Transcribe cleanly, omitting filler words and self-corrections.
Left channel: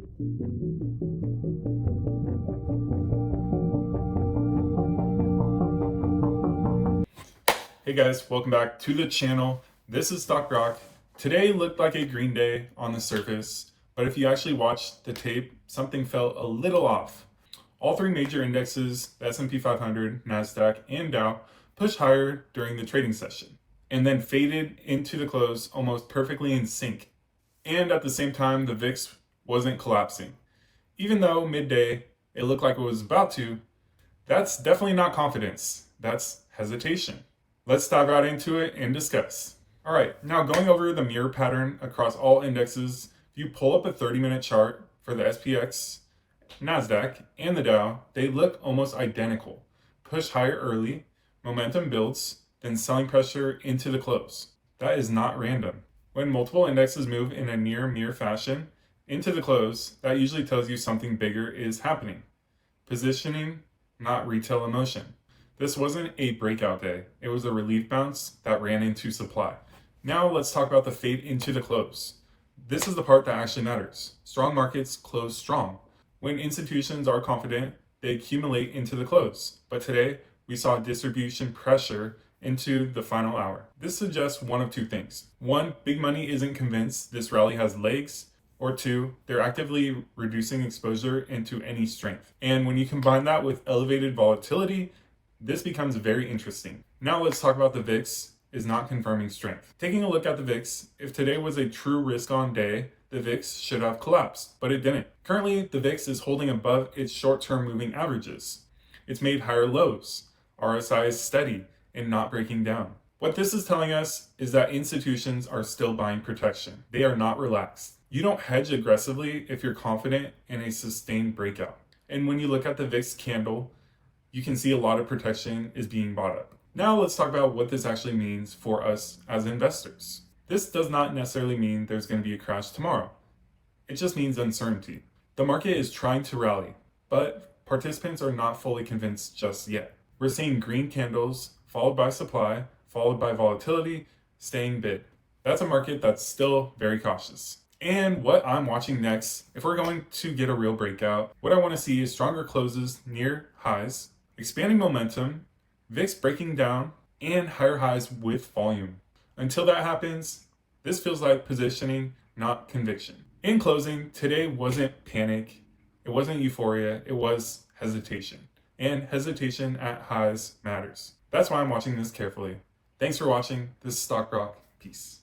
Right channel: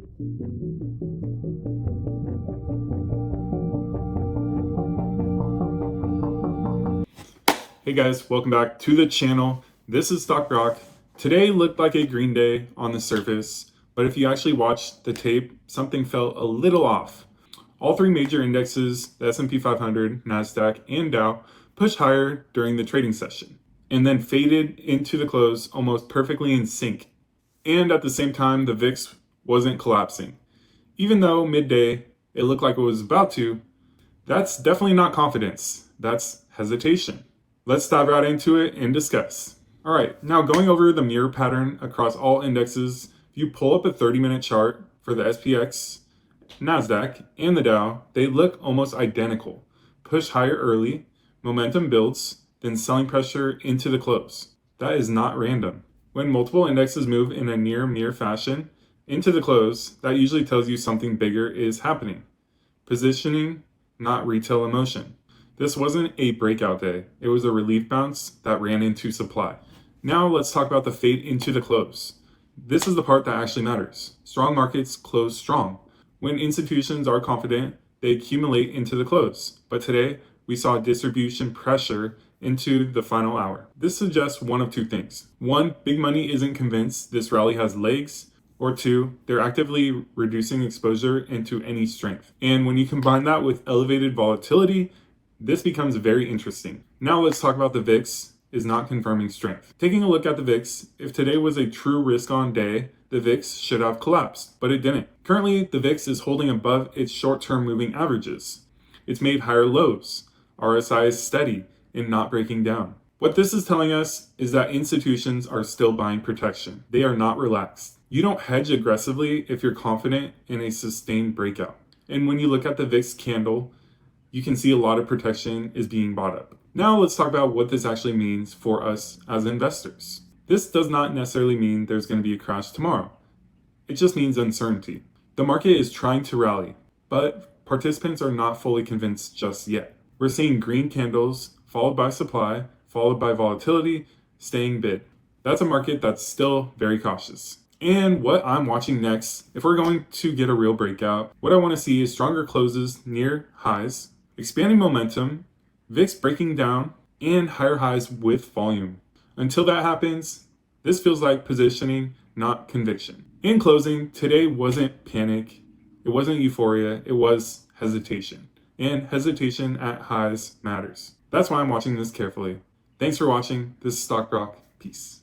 Hey guys, welcome back to the channel. This is Stock Rock. Today looked like a green day on the surface, but if you actually watched the tape, something felt a little off. All three major indexes, the S&P 500, NASDAQ, and Dow, pushed higher during the trading session, and then faded into the close almost perfectly in sync. And at the same time, the VIX wasn't collapsing. Even though midday, it looked like it was about to, that's definitely not confidence, that's hesitation. Let's dive right into it and discuss. All right, now going over the mirror pattern across all indexes, if you pull up a 30-minute chart for the SPX, NASDAQ, and the Dow, they look almost identical. Push higher early, momentum builds, then selling pressure into the close. That is not random. When multiple indexes move in a near mirror fashion into the close, that usually tells you something bigger is happening. Positioning, not retail emotion. This wasn't a breakout day. It was a relief bounce that ran into supply. Now let's talk about the fade into the close. This is the part that actually matters. Strong markets close strong. When institutions are confident, they accumulate into the close. But today, we saw distribution pressure into the final hour. This suggests one of two things. One, big money isn't convinced this rally has legs. Or two, they're actively reducing exposure into any strength. And when you combine that with elevated volatility, this becomes very interesting. Now let's talk about the VIX is not confirming strength. Taking a look at the VIX, if today was a true risk-on day, the VIX should have collapsed, but it didn't. Currently, the VIX is holding above its short-term moving averages. It's made higher lows. RSI is steady and not breaking down. What this is telling us is that institutions are still buying protection. They are not relaxed. You don't hedge aggressively if you're confident in a sustained breakout. And when you look at the VIX candle, you can see a lot of protection is being bought up. Now let's talk about what this actually means for us as investors. This does not necessarily mean there's going to be a crash tomorrow. It just means uncertainty. The market is trying to rally, but participants are not fully convinced just yet. We're seeing green candles followed by supply, followed by volatility, staying bid. That's a market that's still very cautious. And what I'm watching next, if we're going to get a real breakout, what I want to see is stronger closes near highs, expanding momentum, VIX breaking down, and higher highs with volume. Until that happens, this feels like positioning, not conviction. In closing, today wasn't panic, it wasn't euphoria, it was hesitation. And hesitation at highs matters. That's why I'm watching this carefully. Thanks for watching. This is Stock Rock. Peace.